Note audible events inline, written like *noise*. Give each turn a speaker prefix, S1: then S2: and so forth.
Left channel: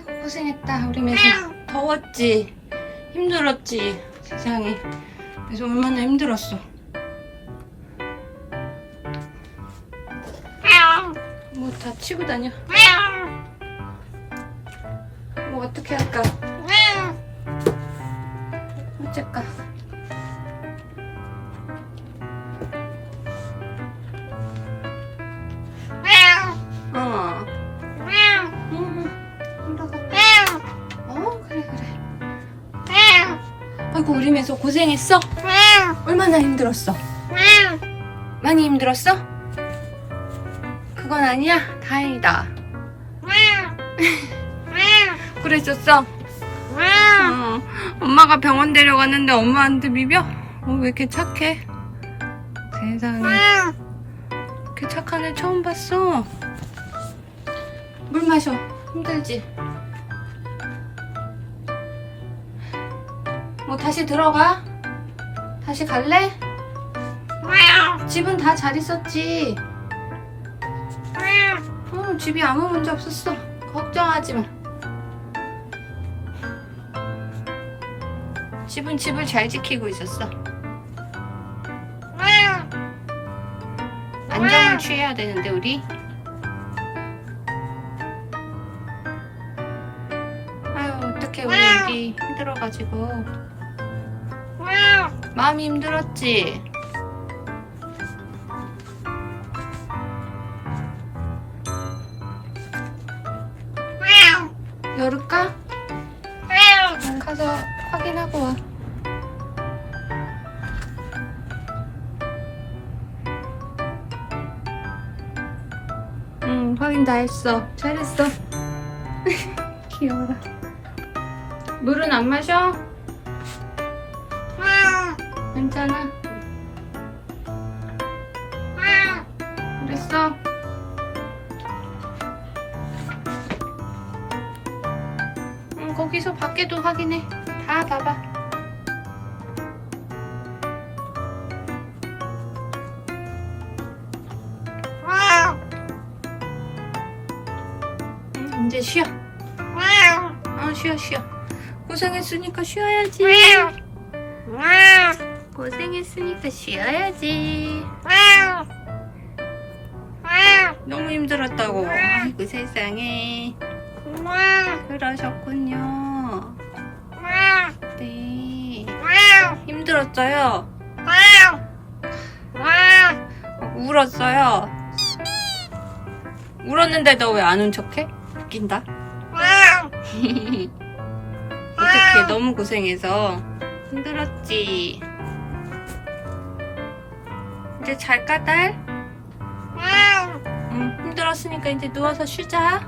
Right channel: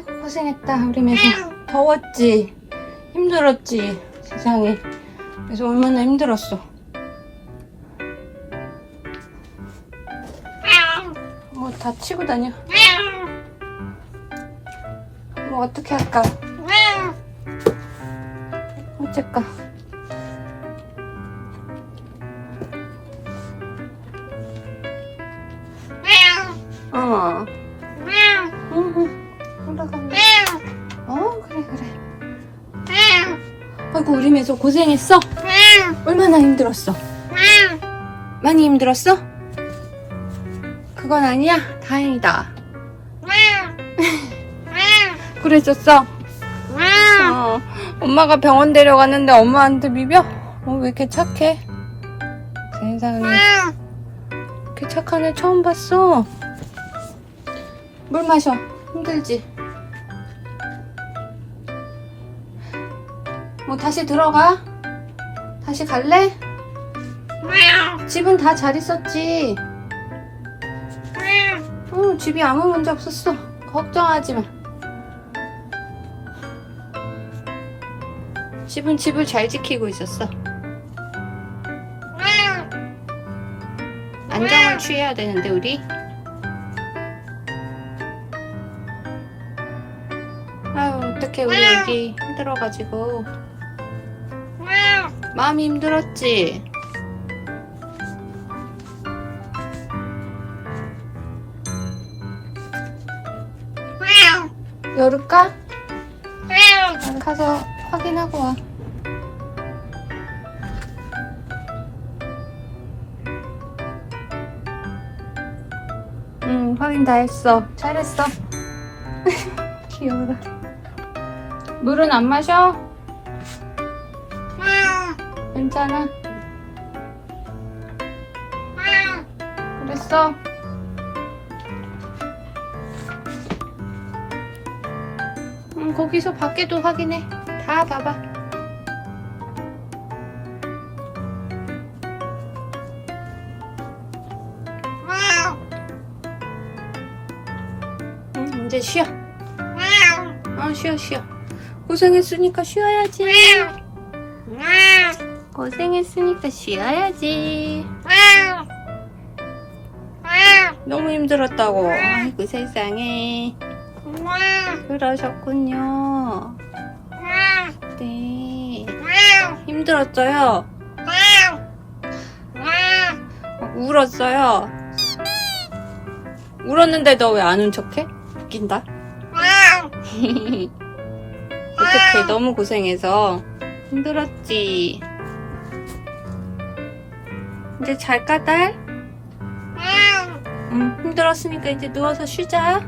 S1: 아이고 고생했다. 우리 매서 더웠지? 힘들었지 세상에. 그래서 얼마나 힘들었어. 뭐 다 치고 다녀. 뭐 어떻게 할까? 어쩔까? 어 우리 매서 고생했어? 얼마나 힘들었어? 많이 힘들었어? 그건 아니야. 다행이다. 그랬었어? 어, 엄마가 병원 데려갔는데 엄마한테 비벼? 어, 왜 이렇게 착해? 세상에. 이렇게 착한 애 처음 봤어. 물 마셔. 힘들지 뭐 다시 들어가? 다시 갈래? 집은 다 잘 있었지? 어, 집이 아무 문제 없었어. 걱정하지 마. 집은 집을 잘 지키고 있었어. 안정을 취해야 되는데 우리? 아유 어떡해 우리 애기. 힘들어가지고 마음이 힘들었지 열을까? 가서 확인하고 와 응, 확인 다 했어. 잘했어. *laughs* 귀여워라. 물은 안 마셔? 괜찮아. 그랬어? 응, 거기서 밖에도 확인해. 다 봐봐. 응, 이제 쉬어. 어, 쉬어, 쉬어. 고생했으니까 쉬어야지. 고생했으니까 쉬어야지. 너무 힘들었다고. 아이고, 세상에. 그러셨군요. 네. 힘들었어요. 막 울었어요. 울었는데 너 왜 안 운 척해? 웃긴다. *laughs* 어떡해, 너무 고생해서. 힘들었지. 이제 잘까, 딸? 응, 힘들었으니까 이제 누워서 쉬자.